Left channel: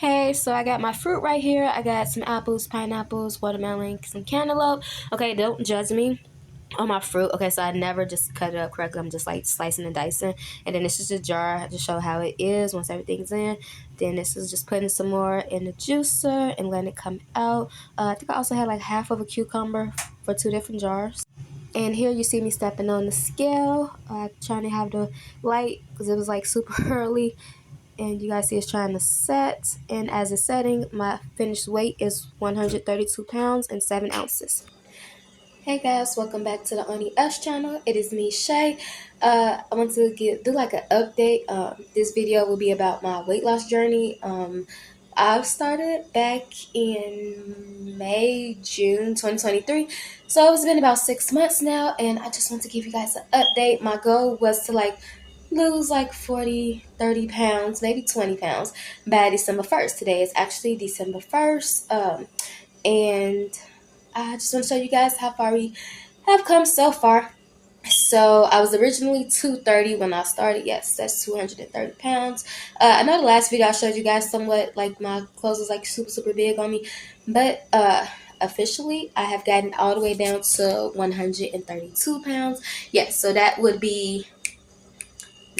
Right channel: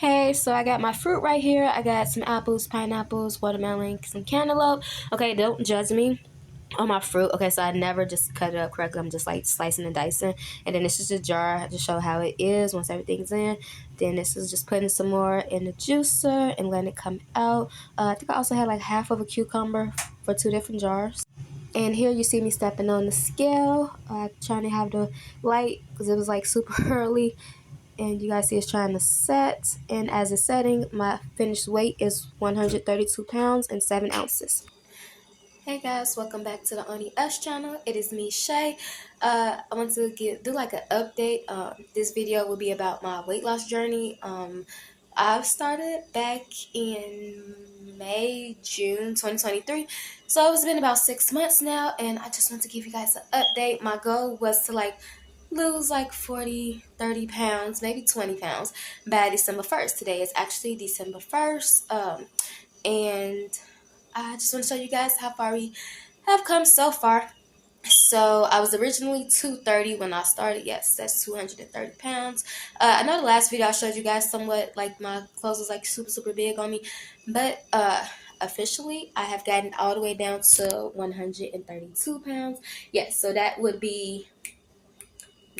Hey, so I got my fruit right here. I got some apples, pineapples, watermelon, some cantaloupe. Okay, don't judge me on my fruit. Okay, so I never just cut it up correctly. I'm just like slicing and dicing. And then this is a jar to show how it is once everything's in. Then this is just putting some more in the juicer and letting it come out. I think I also had like half of a cucumber for two different jars. And here you see me stepping on the scale, trying to have the light because it was like super early. And you guys see it's trying to set, and as it's setting, my finished weight is 132 pounds and 7 ounces. Hey guys, welcome back to the Oni S channel. It is me, Shay. I want to do like an update. This video will be about my weight loss journey. I've started back in May, June 2023. So it's been about 6 months now, and I just want to give you guys an update. My goal was to lose like 40, 30 pounds, maybe 20 pounds by December 1st. Today is actually December 1st. And I just want to show you guys how far we have come so far. So I was originally 230 when I started. Yes, that's 230 pounds. I know the last video I showed you guys somewhat like my clothes was like super big on me, but officially I have gotten all the way down to 132 pounds. Yes, so that would be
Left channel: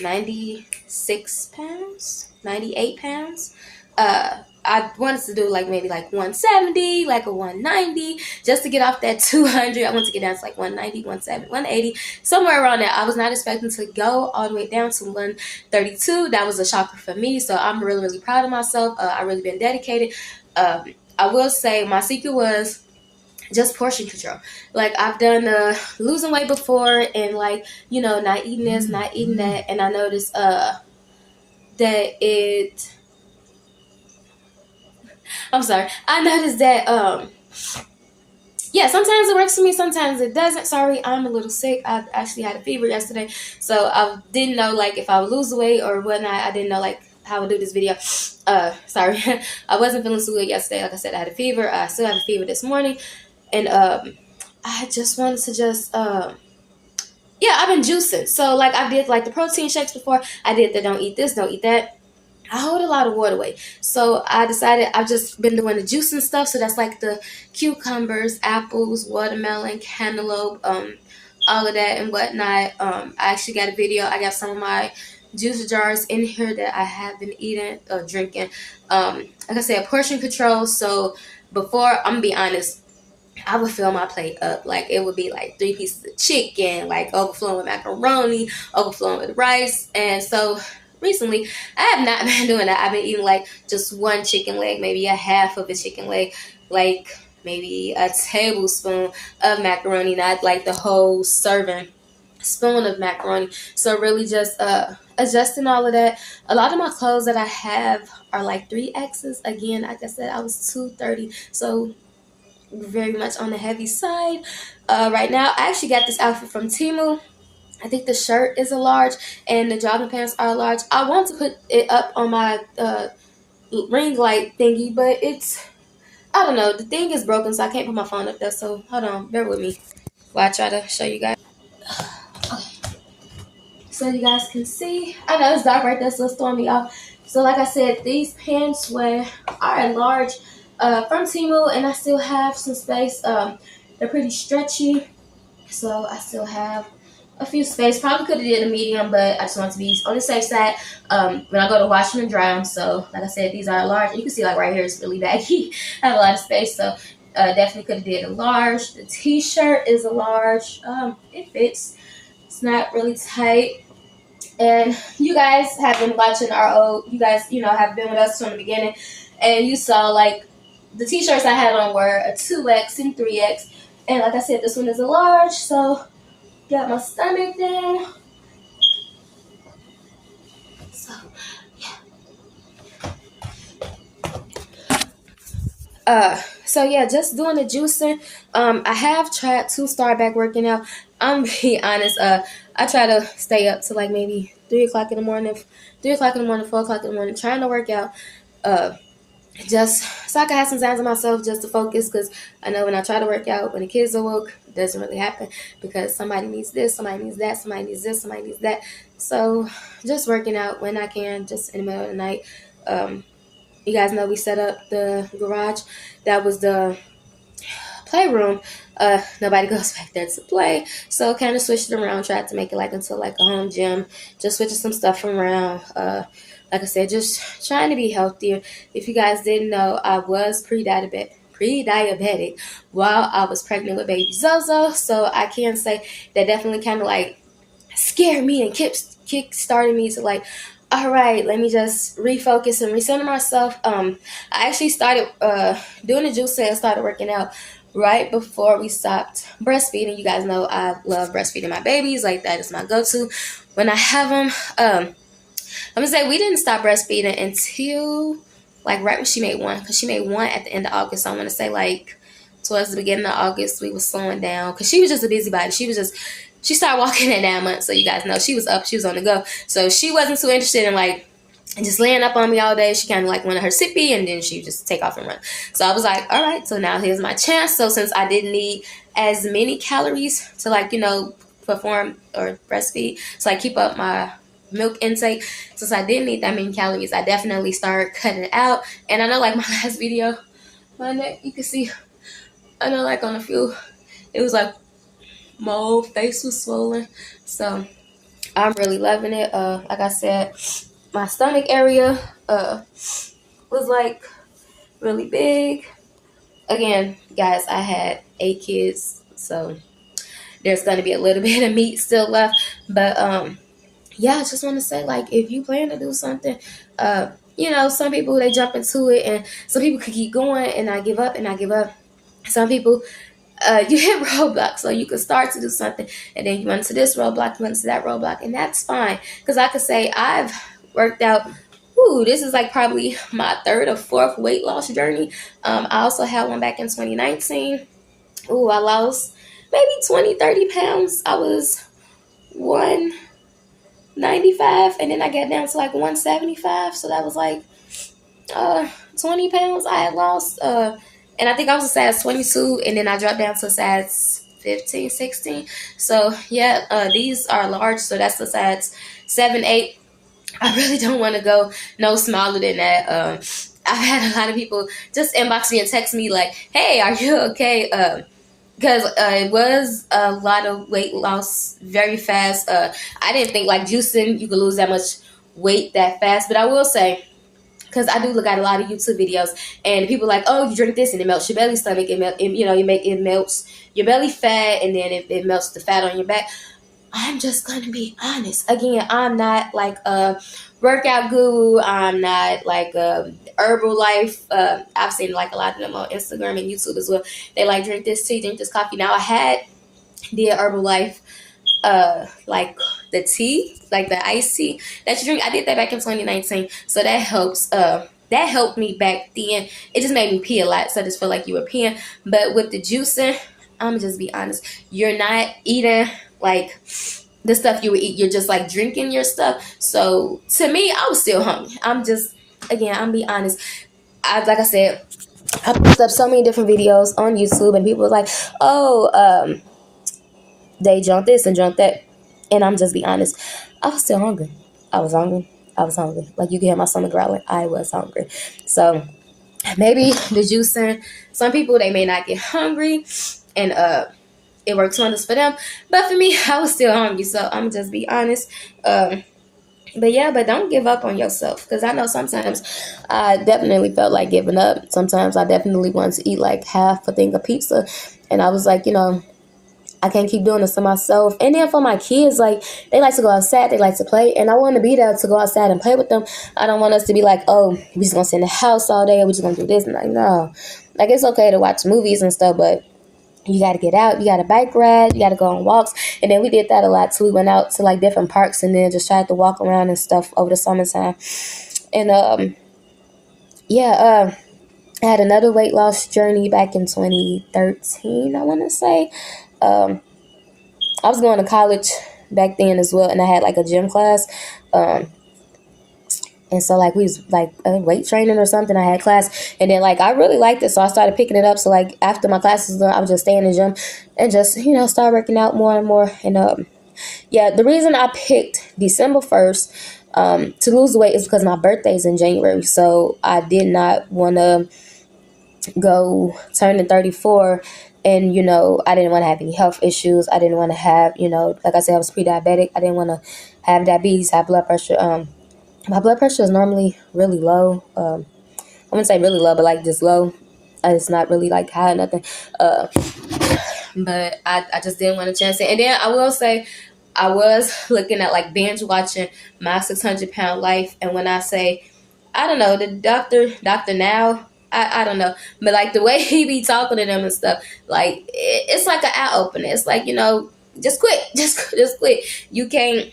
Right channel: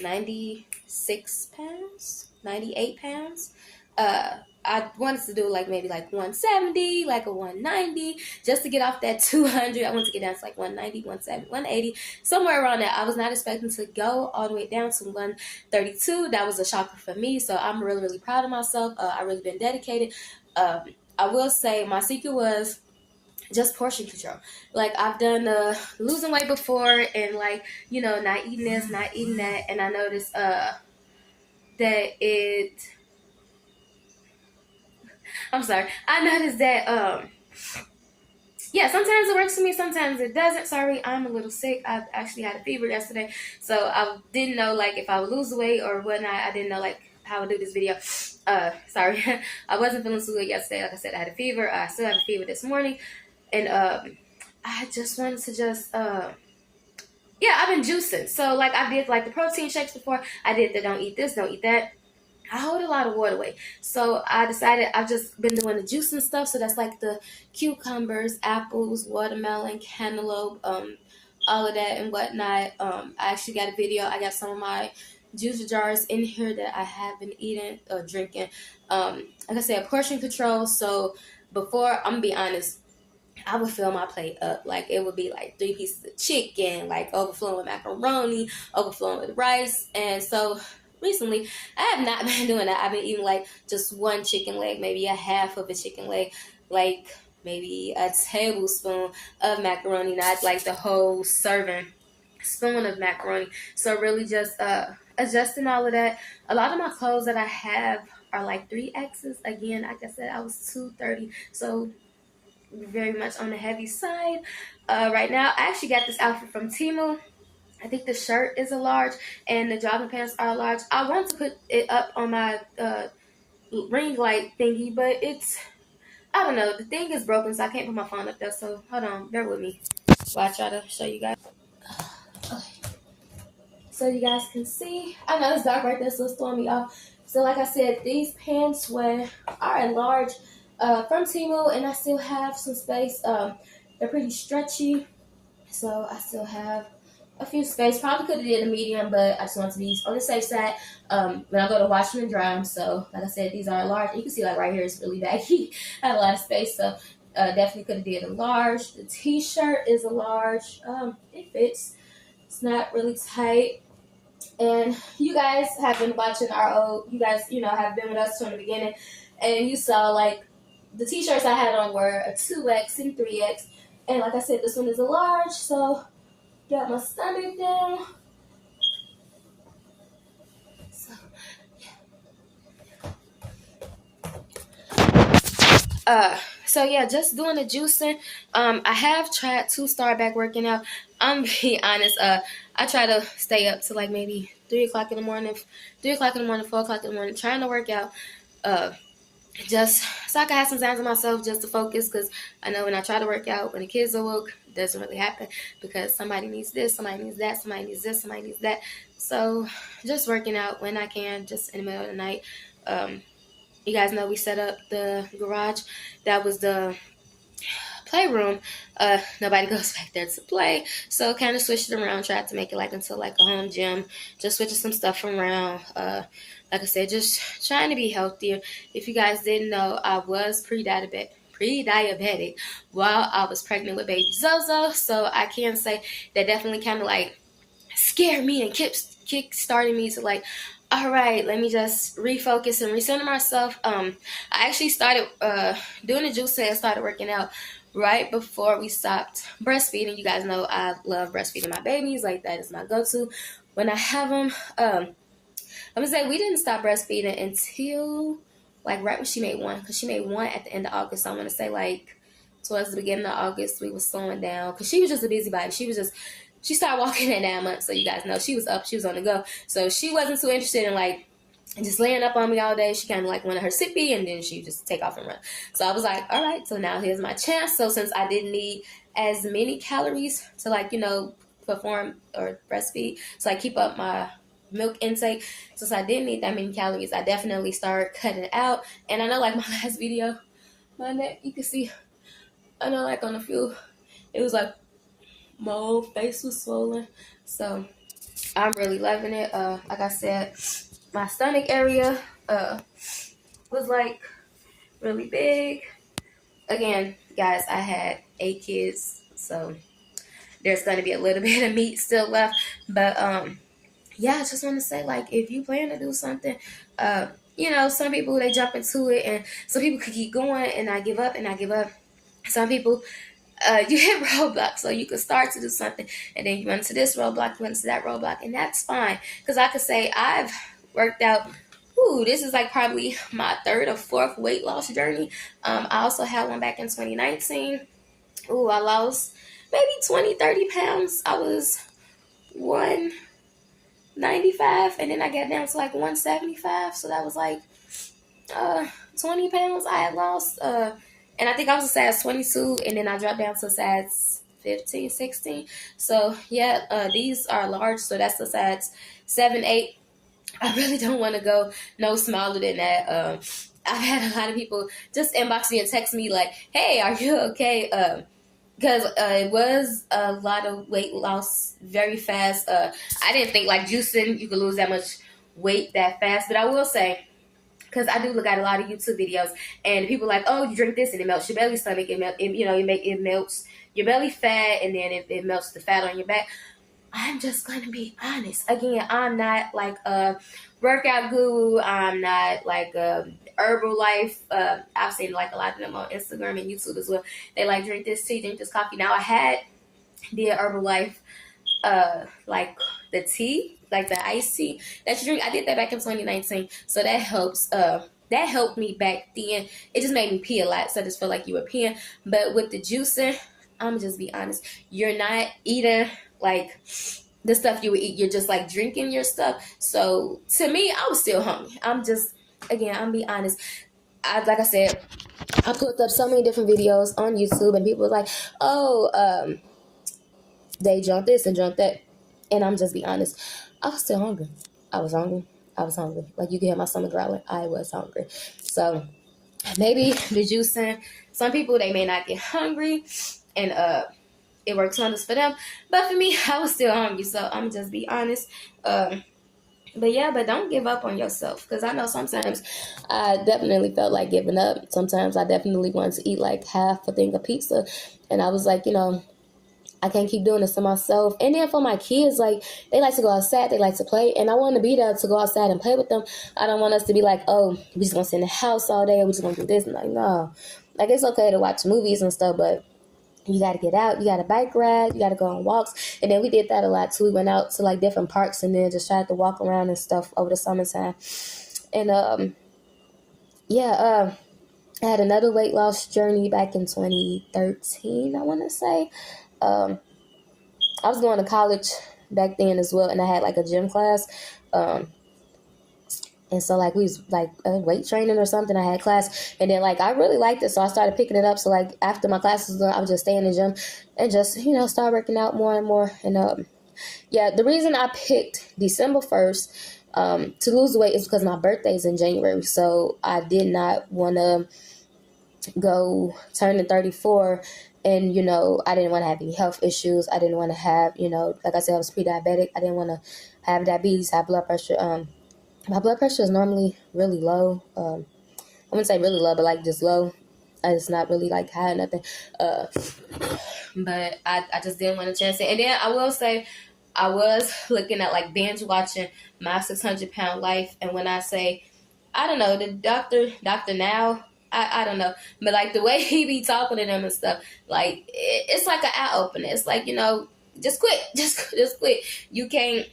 96 pounds, 98 pounds. I wanted to do like maybe like 170, like a 190, just to get off that 200. I want to get down to like 190, 170, 180, somewhere around there. I was not expecting to go all the way down to 132. That was a shocker for me. So I'm really proud of myself. I really been dedicated. I will say my secret was just portion control. Like I've done losing weight before and like, you know, not eating this, not eating that. And I noticed that it I'm sorry. I noticed that yeah, sometimes it works for me, sometimes it doesn't. Sorry, I'm a little sick. I actually had a fever yesterday. So I didn't know like if I would lose weight or whatnot. I didn't know like how I would do this video. Sorry. I wasn't feeling so good yesterday. Like I said, I had a fever. I still have a fever this morning. And I just wanted to just yeah, I've been juicing. So like I did like the protein shakes before. I did the don't eat this, don't eat that. I hold a lot of water weight. So I decided I've just been doing the juicing stuff. So that's like the cucumbers, apples, watermelon, cantaloupe, all of that and whatnot. I actually got a video. I got some of my juice jars in here that I have been eating or drinking. Like I said, portion control. So before, I'm gonna be honest, I would fill my plate up. Like it would be like 3 pieces of chicken, like overflowing with macaroni, overflowing with rice. And so recently, I have not been doing that. I've been eating like just one chicken leg, maybe a half of a chicken leg, like maybe a tablespoon of macaroni, not like the whole serving spoon of macaroni. So really just adjusting all of that. A lot of my clothes that I have are like 3X's. Again, like I said, I was 230. So very much on the heavy side. Right now, I actually got this outfit from Temu. I think the shirt is a large and the jogging pants are large. I want to put it up on my ring light thingy, but it's, I don't know, the thing is broken, so I can't put my phone up there. So hold on, bear with me while I try to show you guys. So you guys can see, I know it's dark right there, so it's throwing me off. So like I said, these pants are large from Temu, and I still have some space. They're pretty stretchy, so I still have a few space. Probably could have did a medium, but I just want to be on the safe side when I go to wash them and dry them. So like I said, these are large. You can see like right here it's really baggy. I have a lot of space, so definitely could have did a large. The t-shirt is a large. It fits. It's not really tight. And you guys have been watching you guys, you know, have been with us from the beginning. And you saw like the t-shirts I had on were a 2X and 3X. And like I said, this one is a large. So got my stomach down. So yeah, just doing the juicing. I have tried to start back working out. I'm be honest. I try to stay up to like maybe 3 o'clock in the morning, 4 o'clock in the morning, trying to work out. Just so I can have some time to myself, just to focus. Because I know when I try to work out, when the kids are woke, it doesn't really happen because somebody needs this, somebody needs that, somebody needs this, somebody needs that. So just working out when I can, just in the middle of the night. You guys know we set up the garage. That was the playroom. Nobody goes back there to play, so kind of switched it around, tried to make it like into like a home gym, just switching some stuff around. Like I said, just trying to be healthier. If you guys didn't know, I was pre-diabetic while I was pregnant with baby Zozo, so I can say that definitely kind of like scared me and kick started me to like, all right, let me just refocus and recenter myself. I actually started doing the juicing and started working out right before we stopped breastfeeding. You guys know I love breastfeeding my babies. Like, that is my go-to when I have them. I'm gonna say we didn't stop breastfeeding until like right when she made one, because she made one at the end of August. So I'm gonna say like towards the beginning of August we were slowing down, because she was just a busybody. She started walking at 9 months, so you guys know she was up, she was on the go. So she wasn't too interested in like just laying up on me all day. She kind of like wanted her sippy, and then she would just take off and run. So I was like, all right, so now here's my chance. So since I didn't need as many calories to like, perform or breastfeed, so I keep up my milk intake, since I didn't need that many calories, I definitely started cutting it out. And I know like my last video, my neck, you can see, I know like on a few, it was like my whole face was swollen. So I'm really loving it. Like I said, my stomach area was like really big. Again, guys, I had 8 kids, so there's going to be a little bit of meat still left. But yeah, I just want to say, like, if you plan to do something, some people, they jump into it, and some people could keep going and not give up and not give up. Some people, you hit roadblocks, so you can start to do something, and then you run into this roadblock, you run into that roadblock, and that's fine. Because I could say I've worked out, this is like probably my 3rd or 4th weight loss journey. I also had one back in 2019. I lost maybe 20, 30 pounds. I was 195, and then I got down to like 175, so that was like 20 pounds I had lost. And I think I was a size 22, and then I dropped down to a size 15, 16. So yeah, these are large, so that's the size 7, 8. I really don't want to go no smaller than that. I've had a lot of people just inbox me and text me like, hey, are you okay? Because it was a lot of weight loss very fast. I didn't think like juicing, you could lose that much weight that fast. But I will say, because I do look at a lot of YouTube videos, and people like, oh, you drink this and it melts your belly stomach. It melts your belly fat, and then it melts the fat on your back. I'm just going to be honest. Again, I'm not like a workout guru. I'm not like a Herbalife. I've seen like a lot of them on Instagram and YouTube as well. They like drink this tea, drink this coffee. Now I did Herbalife, like the tea, like the iced tea that you drink. I did that back in 2019. So that helps. That helped me back then. It just made me pee a lot. So I just feel like you were peeing. But with the juicing, I'm going to just be honest. You're not eating like the stuff you would eat. You're just like drinking your stuff. So to me, I was still hungry. I'm be honest. Like I said, I posted up so many different videos on YouTube, and people were like, oh, they drunk this and drunk that. And I'm just be honest, I was still hungry. I was hungry. Like, you can hear my stomach growling. I was hungry. So maybe the juicing, some people, they may not get hungry, and it works wonders for them. But for me, I was still hungry, so I'm just be honest. But don't give up on yourself, because I know sometimes I definitely felt like giving up. Sometimes I definitely wanted to eat like half a thing of pizza, and I was like, I can't keep doing this to myself. And then for my kids, like, they like to go outside, they like to play, and I want to be there to go outside and play with them. I don't want us to be like, oh, we just gonna sit in the house all day, or we just gonna do this. And like, no, like, it's okay to watch movies and stuff, but you got to get out. You got to bike ride. You got to go on walks. And then we did that a lot too. We went out to like different parks, and then just tried to walk around and stuff over the summertime. And I had another weight loss journey back in 2013, I want to say. I was going to college back then as well, and I had like a gym class. And so, like, we was, like, weight training or something. I had class. And then, like, I really liked it. So I started picking it up. So, like, after my classes was done, I would just stay in the gym and just, start working out more and more. And, the reason I picked December 1st to lose the weight is because my birthday is in January. So I did not want to go turning 34 and I didn't want to have any health issues. I didn't want to have, like I said, I was pre-diabetic. I didn't want to have diabetes, have blood pressure. My blood pressure is normally really low. I wouldn't say really low, but like just low. It's not really like high or nothing. But I just didn't want to chance it. And then I will say I was looking at like binge watching My 600 Pound Life. And when I say, I don't know, the Dr. Now, I don't know. But like the way he be talking to them and stuff, like it's like an eye opener. It's like, just quit. Just quit. You can't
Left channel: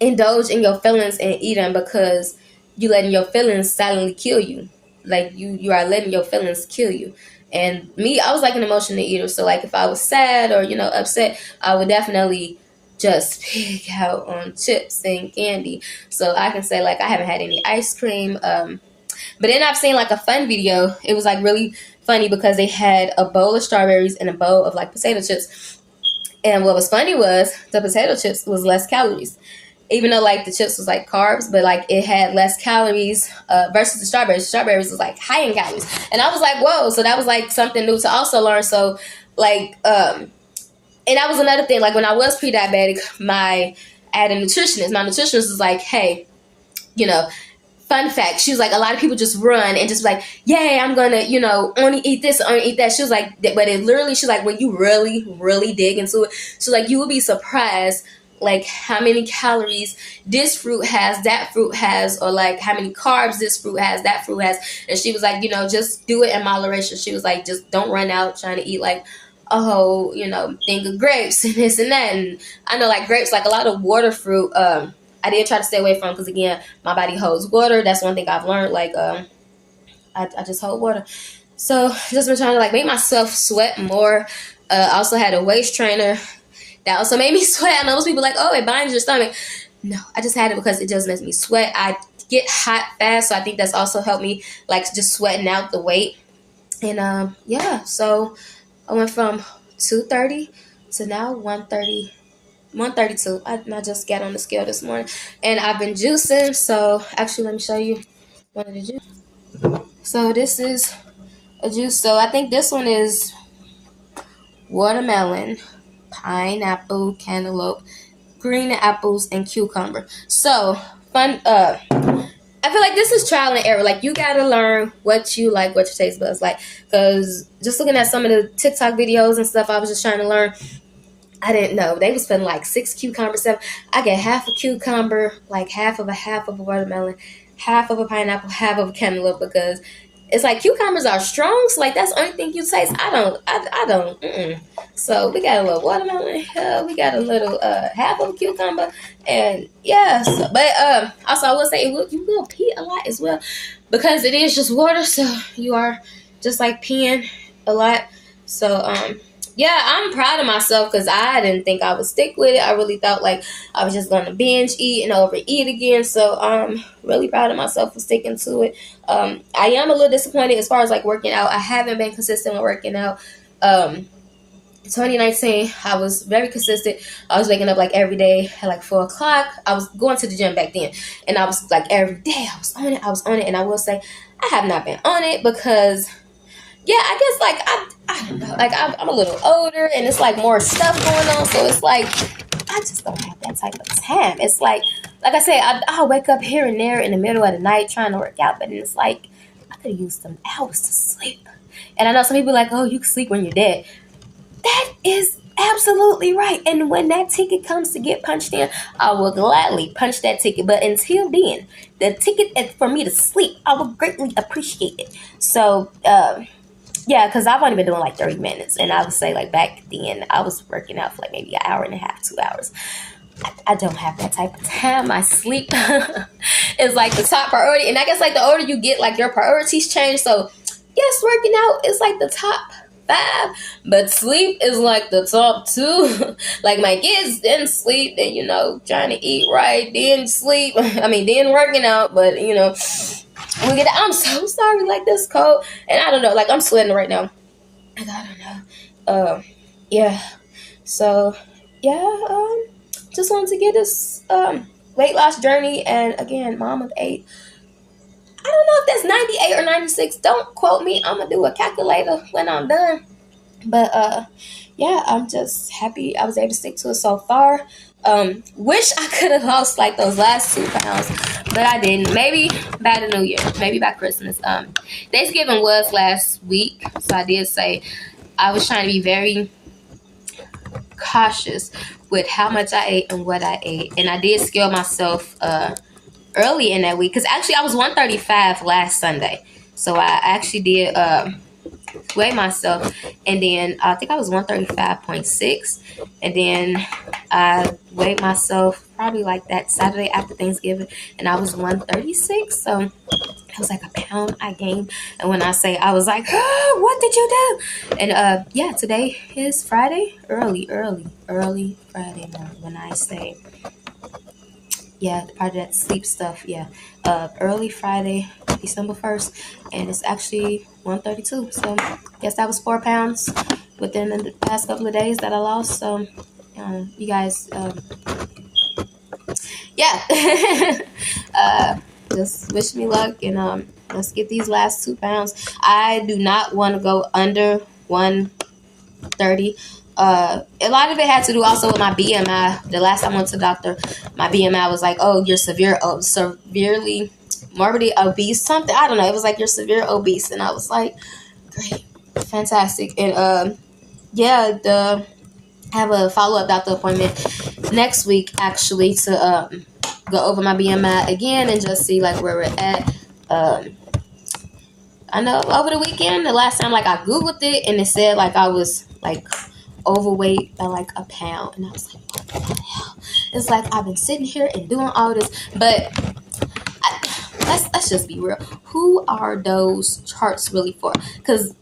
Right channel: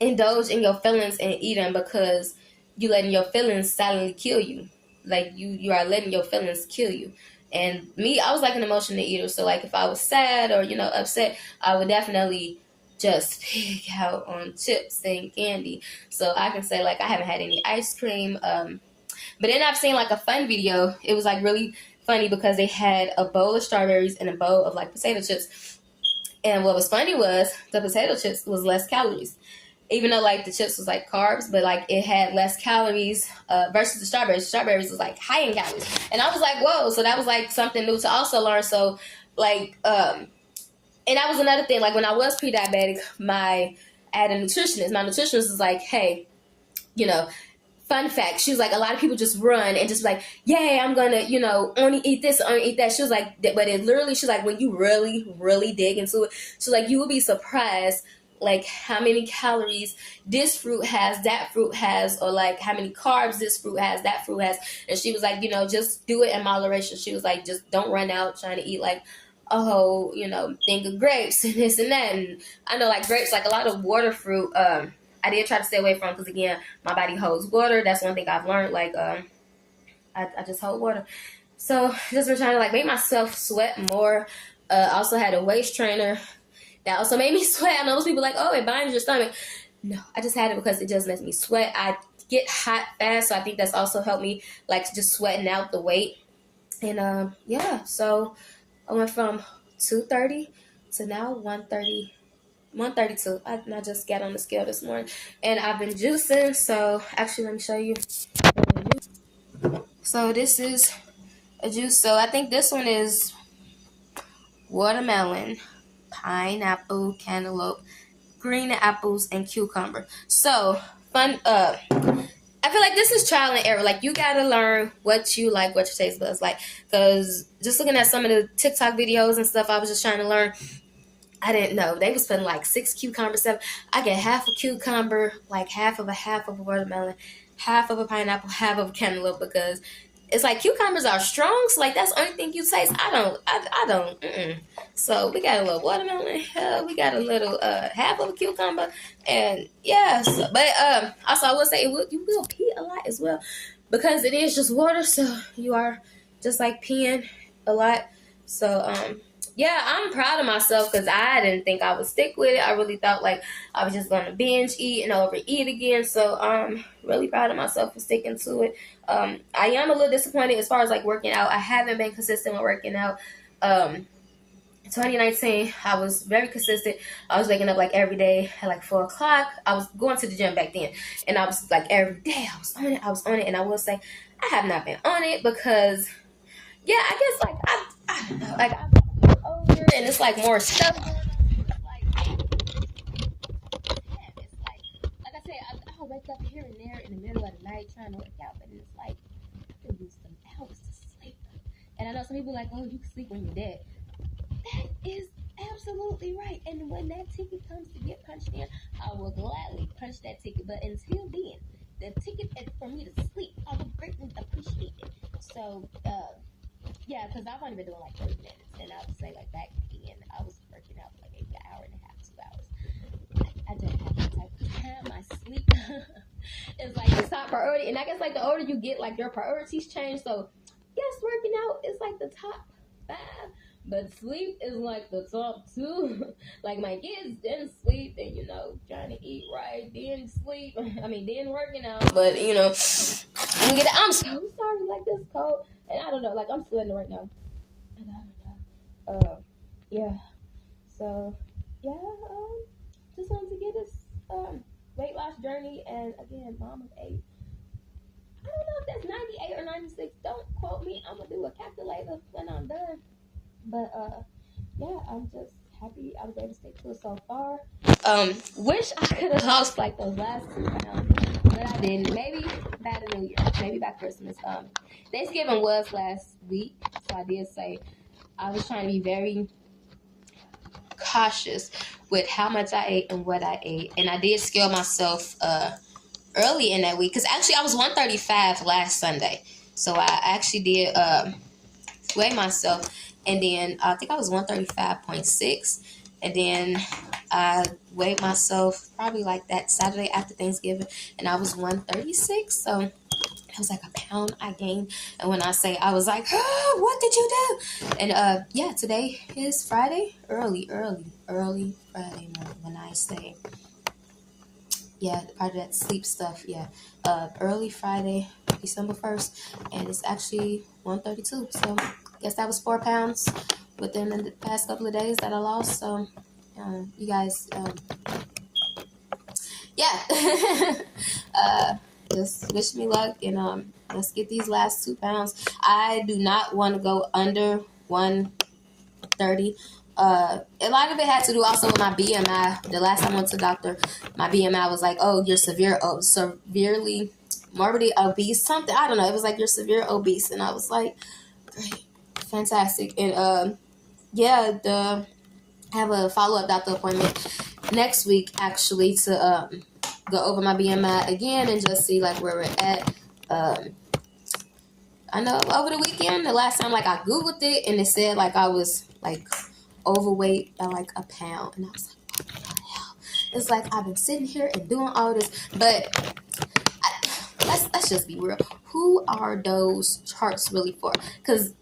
indulge in your feelings and eating because you letting your feelings silently kill you. Like you are letting your feelings kill you. And me, I was like an emotional eater. So like if I was sad or, upset, I would definitely just pig out on chips and candy. So I can say like I haven't had any ice cream. But then I've seen like a fun video. It was like really funny because they had a bowl of strawberries and a bowl of like potato chips. And what was funny was the potato chips was less calories. Even though like the chips was like carbs, but like it had less calories versus the strawberries. Strawberries was like high in calories. And I was like, whoa. So that was like something new to also learn. So like, and that was another thing. Like when I was pre-diabetic, I had a nutritionist. My nutritionist was like, hey, fun fact, she was like, a lot of people just run and just like, yay, I'm gonna, only eat this, only eat that. She was like, but it literally, she's like, when you really, really dig into it, she's like, you will be surprised like how many calories this fruit has, that fruit has, or like how many carbs this fruit has, that fruit has. And she was like, just do it in moderation. She was like, just don't run out trying to eat like a whole, thing of grapes and this and that. And I know like grapes, like a lot of water fruit, I did try to stay away from because again, my body holds water. That's one thing I've learned. Like, I just hold water. So just been trying to like make myself sweat more. I also had a waist trainer that also made me sweat. I know most people are like, oh, it binds your stomach. No, I just had it because it just makes me sweat. I get hot fast, so I think that's also helped me like just sweating out the weight. And yeah, so I went from 230 to now 130. 132. I just got on the scale this morning, and I've been juicing. So actually, let me show you. So this is a juice. So I think this one is watermelon, pineapple, cantaloupe, green apples, and cucumber. So fun. I feel like this is trial and error. Like you gotta learn what you like, what your taste buds like. Because just looking at some of the TikTok videos and stuff, I was just trying to learn. I didn't know. They was putting like 6 cucumbers, 7. I get half a cucumber, like half of a watermelon, half of a pineapple, half of a cantaloupe because it's like cucumbers are strong. So like that's the only thing you taste. I don't. So we got a little watermelon. We got a little half of a cucumber, and yeah. So, but also I will say you will pee a lot as well because it is just water. So you are just like peeing a lot. So yeah, I'm proud of myself because I didn't think I would stick with it. I really thought like I was just going to binge eat and overeat again. So I'm really proud of myself for sticking to it. I am a little disappointed as far as like working out. I haven't been consistent with working out. 2019, I was very consistent. I was waking up like every day at like 4 o'clock. I was going to the gym back then. And I was like every day I was on it. And I will say I have not been on it because yeah, I guess like I don't know, like I'm a little older and it's like more stuff going on, so it's like I just don't have that type of time. It's like I said, I'll wake up here and there in the middle of the night trying to work out, but it's like I could use some hours to sleep. And I know some people are like, oh, you can sleep when you're dead. That is absolutely right. And when that ticket comes to get punched in, I will gladly punch that ticket. But until then, the ticket for me to sleep, I will greatly appreciate it. So, yeah, because I've only been doing like 30 minutes. And I would say like back then, I was working out for like maybe an hour and a half, 2 hours. I don't have that type of time. My sleep is like the top priority. And I guess like the older you get, like your priorities change. So yes, working out is like the top 5, but sleep is like the top 2. Like my kids didn't sleep, then trying to eat right, then sleep. Then working out, but I'm so sorry, like this cold, and I don't know, like I'm sweating right now. I don't know. Yeah. So yeah. Just wanted to get this weight loss journey. And again, mom of 8. I don't know if that's 98 or 96. Don't quote me. I'm gonna do a calculator when I'm done. But yeah, I'm just happy I was able to stick to it so far. Wish I could have lost like those last 2 pounds, but I didn't. Maybe by the new year, maybe by Christmas. Thanksgiving was last week, so I did say I was trying to be very cautious with how much I ate and what I ate, and I did scale myself early in that week, because actually I was 135 last Sunday, so I actually did weigh myself, and then I think I was 135.6, and then I weighed myself probably like that Saturday after Thanksgiving, and I was 136. So it was like a pound I gained. And when I say I was like, oh, what did you do? And yeah, today is Friday, early Friday morning. When I say, yeah, part of that sleep stuff, yeah, early Friday, December 1st, and it's actually 132. So guess that was 4 pounds within the past couple of days that I lost. So you guys, yeah, just wish me luck, and let's get these last 2 pounds. I do not want to go under 130. A lot of it had to do also with my BMI. The last time I went to the doctor, my BMI was like, oh, you're severely morbidly obese, something. I don't know. It was like, you're severe obese. And I was like, great, fantastic. And yeah, I have a follow-up doctor appointment next week, actually, to go over my BMI again and just see like where we're at. I know over the weekend, the last time, like, I Googled it and it said like I was like overweight by like a pound, and I was like, what the hell? It's like I've been sitting here and doing all this, but let's just be real. Who are those charts really for? Because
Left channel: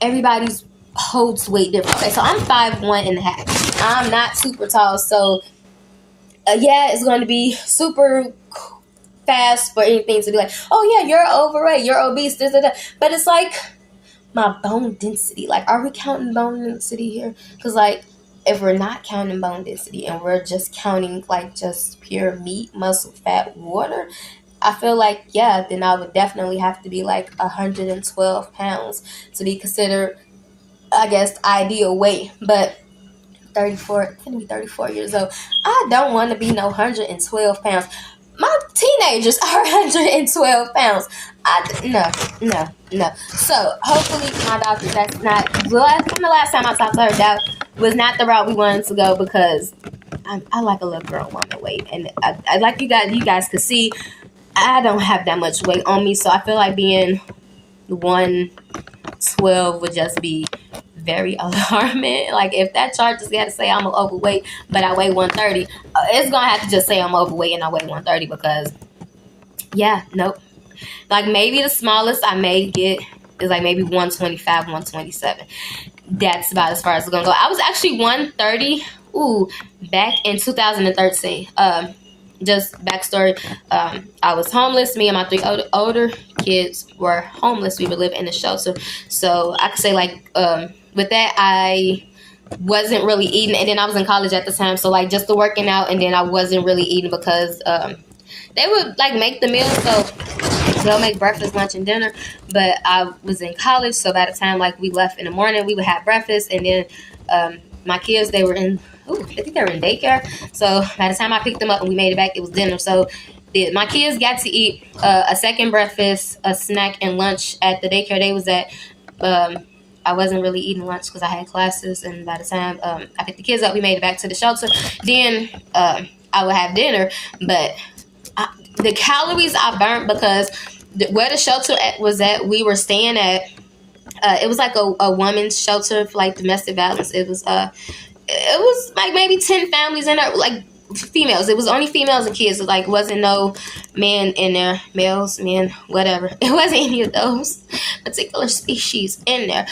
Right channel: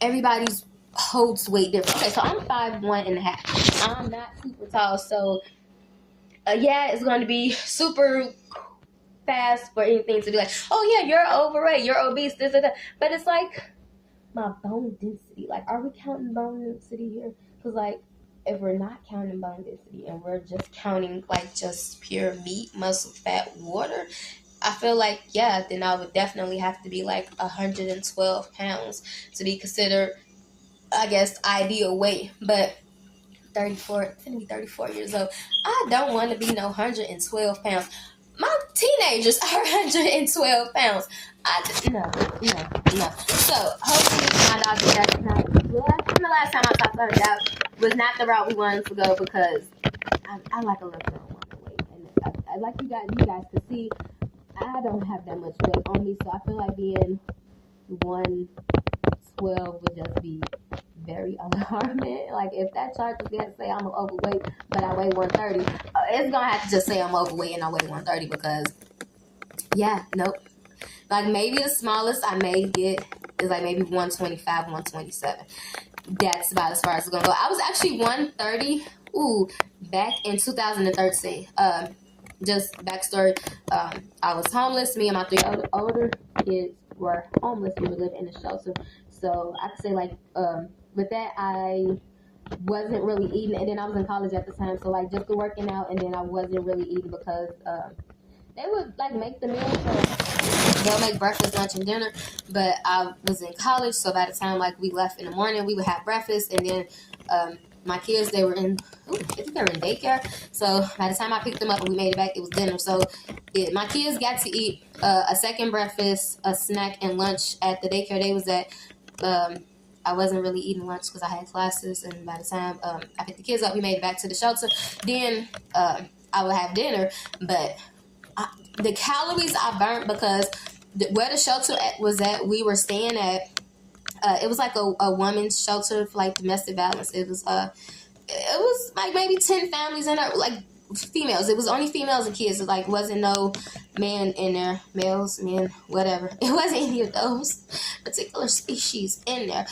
everybody's holds weight different. Okay, so I'm 5'1.5". I'm not super tall, so yeah, it's going to be super fast for anything to be like, oh yeah, you're overweight, you're obese, this and that. But it's like my bone density. Like, are we counting bone density here? Because like, if we're not counting bone density and we're just counting like just pure meat, muscle, fat, water, I feel like, yeah, then I would definitely have to be like 112 pounds to be considered, I guess, ideal weight. But 34, I'm gonna be 34 years old. I don't want to be no 112 pounds. My teenagers are 112 pounds. No. So hopefully my doctor, that's not, from the last time I talked to her, that was not the route we wanted to go, because I like a little girl woman weight, and I like you guys could see, I don't have that much weight on me, so I feel like being 112 would just be very alarming. Like, if that chart just got to say I'm overweight, but I weigh 130, it's gonna have to just say I'm overweight and I weigh 130, because yeah, nope. Like, maybe the smallest I may get is like maybe 125, 127. That's about as far as it's gonna go. I was actually 130 back in 2013. Just backstory, I was homeless. Me and my 3 older kids were homeless. We would live in a shelter. So I could say, like, with that, I wasn't really eating. And then I was in college at the time. So, like, just the working out, and then I wasn't really eating because they would, like, make the meals. So they'll make breakfast, lunch, and dinner. But I was in college. So by the time, like, we left in the morning, we would have breakfast. And then my kids, they were in... I think they were in daycare. So by the time I picked them up and we made it back, it was dinner. So my kids got to eat a second breakfast, a snack, and lunch at the daycare they was at. I wasn't really eating lunch because I had classes. And by the time I picked the kids up, we made it back to the shelter. Then I would have dinner. But the calories I burnt, because where the shelter was at, we were staying at, it was like a woman's shelter for like domestic violence. It was like maybe 10 families in there, like females. It was only females and kids. It like wasn't no men in there, males, men, whatever. It wasn't any of those particular species in there.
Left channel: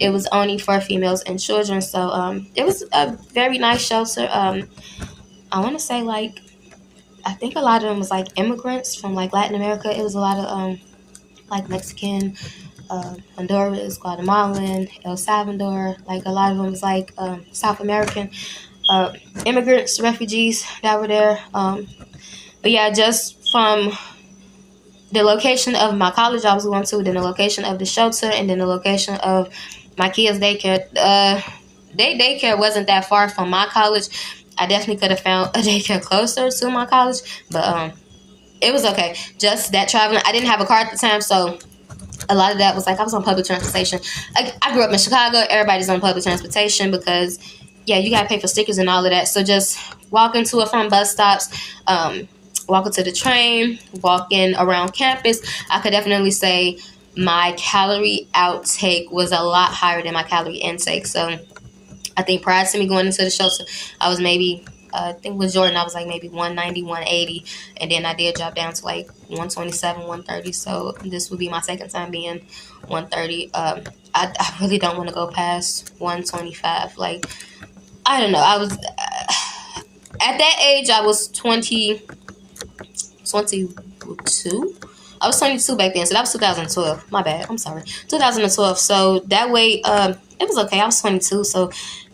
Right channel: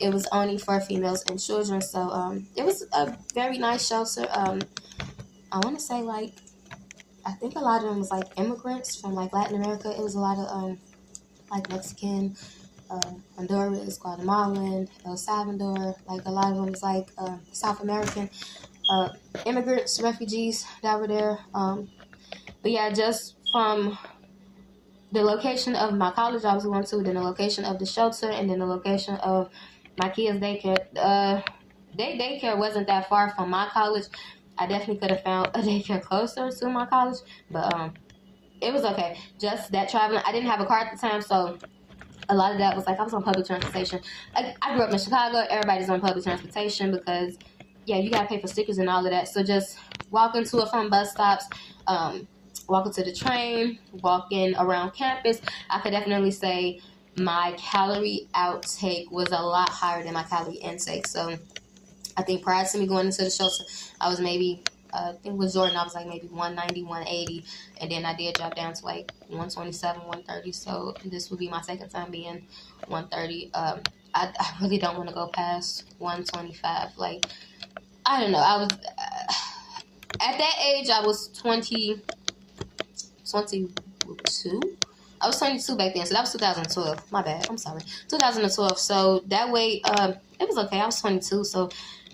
It was only for females and children. So it was a very nice shelter. I want to say, like, I think a lot of them was like immigrants from like Latin America. It was a lot of like Mexican, Honduras, Guatemalan, El Salvador. Like, a lot of them was like South American immigrants, refugees that were there. But yeah, just from the location of my college I was going to, then the location of the shelter, and then the location of my kids' daycare. Their daycare wasn't that far from my college. I definitely could have found a daycare closer to my college, but it was okay. Just that traveling, I didn't have a car at the time, so a lot of that was like I was on public transportation. I grew up in Chicago. Everybody's on public transportation because, yeah, you gotta pay for stickers and all of that. So just walking to and from bus stops, walking to the train, walking around campus, I could definitely say my calorie outtake was a lot higher than my calorie intake. So I think prior to me going into the shelter, I was maybe, I think with Jordan, I was like maybe 190, 180. And then I did drop down to like 127, 130. So this would be my second time being 130. I really don't want to go past 125. Like, I don't know. I was, at that age, I was 22. I was 22 back then, so that was 2012. My bad. I'm sorry. 2012. So that weight, it was okay. I was 22, so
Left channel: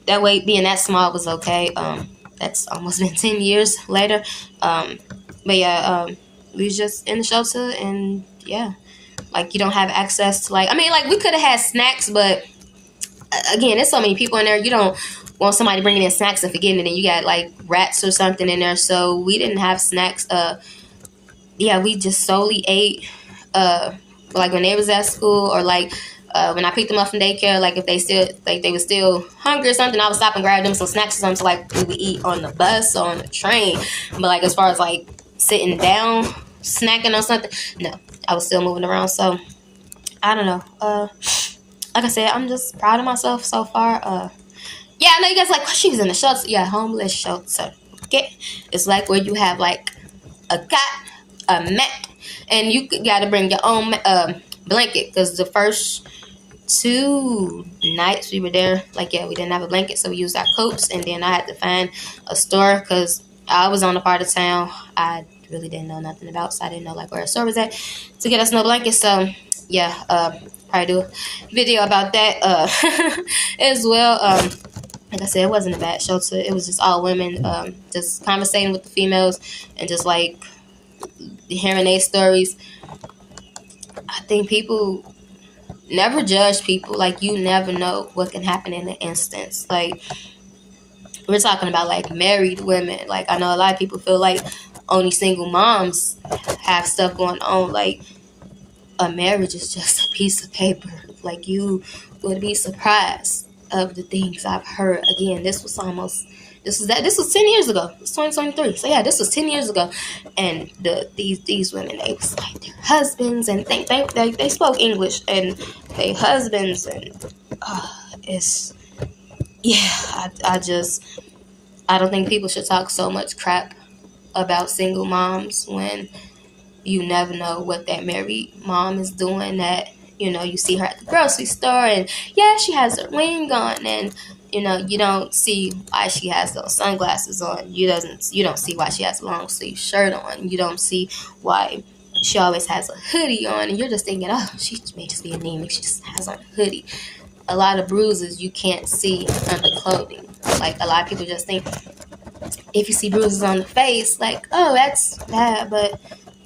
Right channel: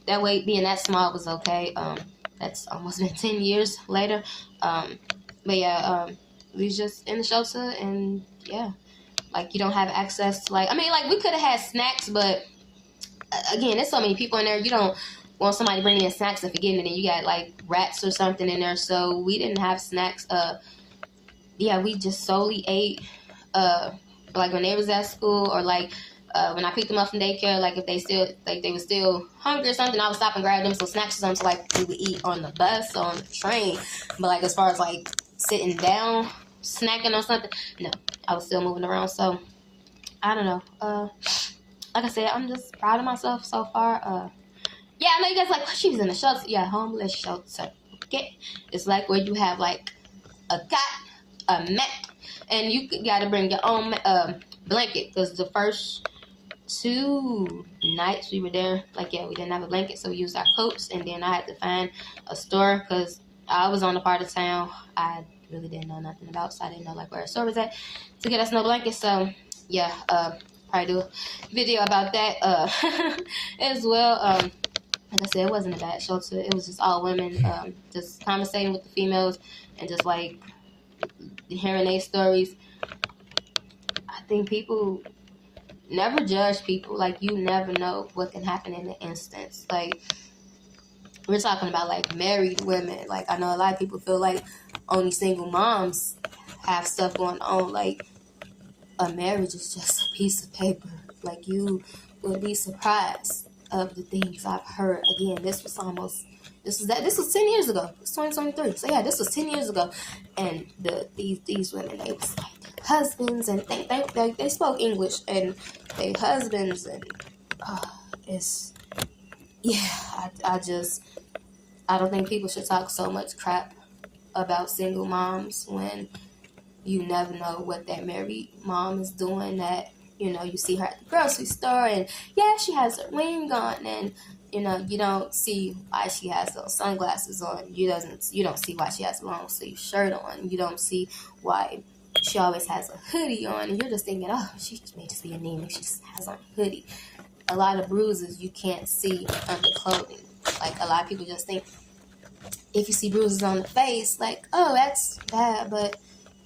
that weight being that small was okay. That's almost been 10 years later. But yeah, we was just in the shelter, and yeah, like you don't have access to like we could have had snacks, but again, there's so many people in there. You don't want somebody bringing in snacks and forgetting it, and you got like rats or something in there. So we didn't have snacks. Yeah, we just solely ate like when they was at school, or like when I picked them up from daycare, like if they were still hungry or something, I would stop and grab them some snacks or something, so like we would eat on the bus or on the train. But like as far as like sitting down snacking or something, no, I was still moving around. So I don't know. Like I said, I'm just proud of myself so far. Yeah, I know you guys like, she was in the shelter. Yeah, homeless shelter. Okay, it's like where you have like a cot, a mat, and you gotta bring your own blanket, because the first 2 nights we were there, like, yeah, we didn't have a blanket, so we used our coats, and then I had to find a store because I was on a part of town I really didn't know nothing about, so I didn't know like where a store was at to get us no blankets. So yeah, probably do a video about that as well. Like I said, it wasn't a bad shelter. It was just all women, just conversating with the females and just like hearing their stories. I think people never judge people. Like, you never know what can happen in an instance. Like, we're talking about like married women. Like, I know a lot of people feel like only single moms have stuff going on. Like, a marriage is just a piece of paper. Like, you would be surprised of the things I've heard. Again, this was 10 years ago. It's 2023. So yeah, this was 10 years ago. And these women, they was like their husbands, and they spoke English, and their husbands, and it's, yeah, I don't think people should talk so much crap about single moms when you never know what that married mom is doing. That, you see her at the grocery store, and yeah, she has her ring on, and you don't see why she has those sunglasses on. You don't see why she has a long sleeve shirt on. You don't see why she always has a hoodie on, and you're just thinking, oh, she may just be anemic. She just has on a hoodie. A lot of bruises you can't see under clothing. Like, a lot of people just think if you see bruises on the face, like, oh, that's bad. But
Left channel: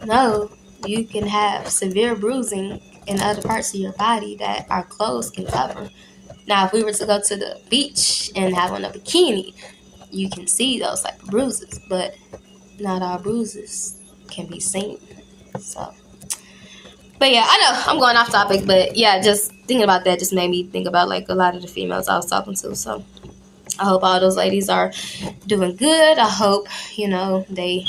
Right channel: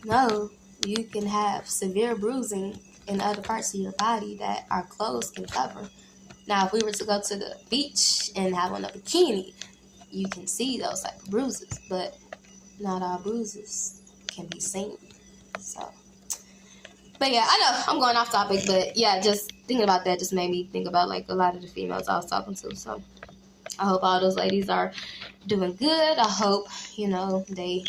no, you can have severe bruising in other parts of your body that our clothes can cover. Now, if we were to go to the beach and have on a bikini, you can see those type of bruises, but not all bruises can be seen. So, but yeah, I know I'm going off topic, but yeah, just thinking about that just made me think about like a lot of the females I was talking to. So I hope all those ladies are doing good. I hope, they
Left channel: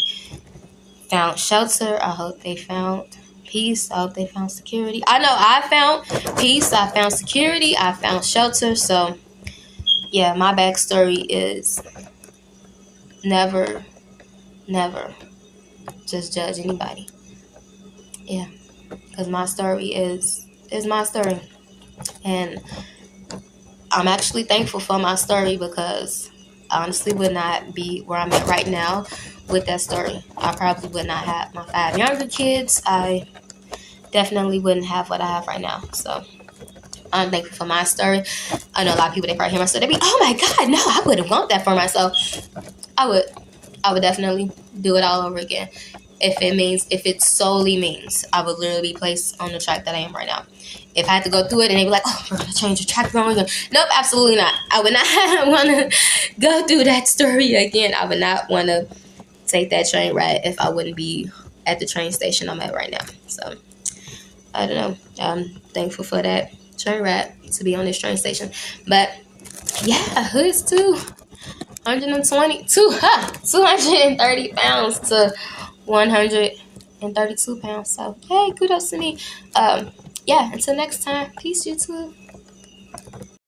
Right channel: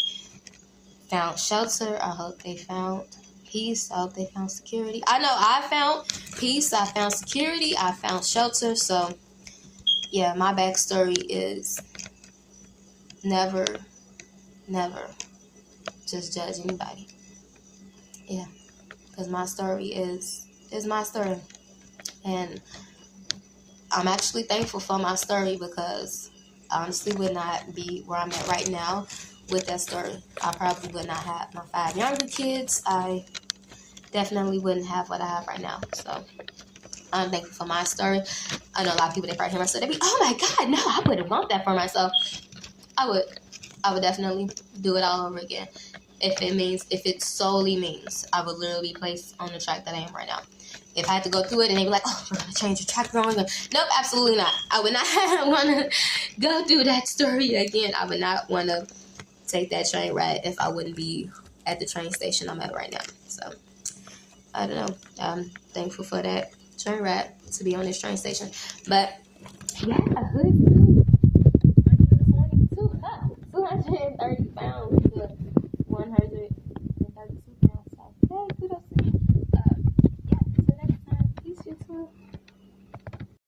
found shelter. I hope they found peace. I hope they found security. I know I found peace. I found security. I found shelter. So yeah, my backstory is never just judge anybody. Yeah, because my story is my story, and I'm actually thankful for my story, because I honestly would not be where I'm at right now with that story. I probably would not have my 5 younger kids. I definitely wouldn't have what I have right now. So I'm thankful for my story. I know a lot of people, they probably hear my story, they be, oh my God, no, I wouldn't want that for myself. I would definitely do it all over again. if it solely means I would literally be placed on the track that I am right now. If I had to go through it and they be like, oh, we're going to change the track wrong. Nope, absolutely not. I would not want to go through that story again. I would not want to take that train ride if I wouldn't be at the train station I'm at right now. So, I don't know. I'm thankful for that train ride to be on this train station. But, yeah, Hood's 230 pounds to 132 pounds. So, hey, kudos to me. Yeah, until next time. Peace, YouTube.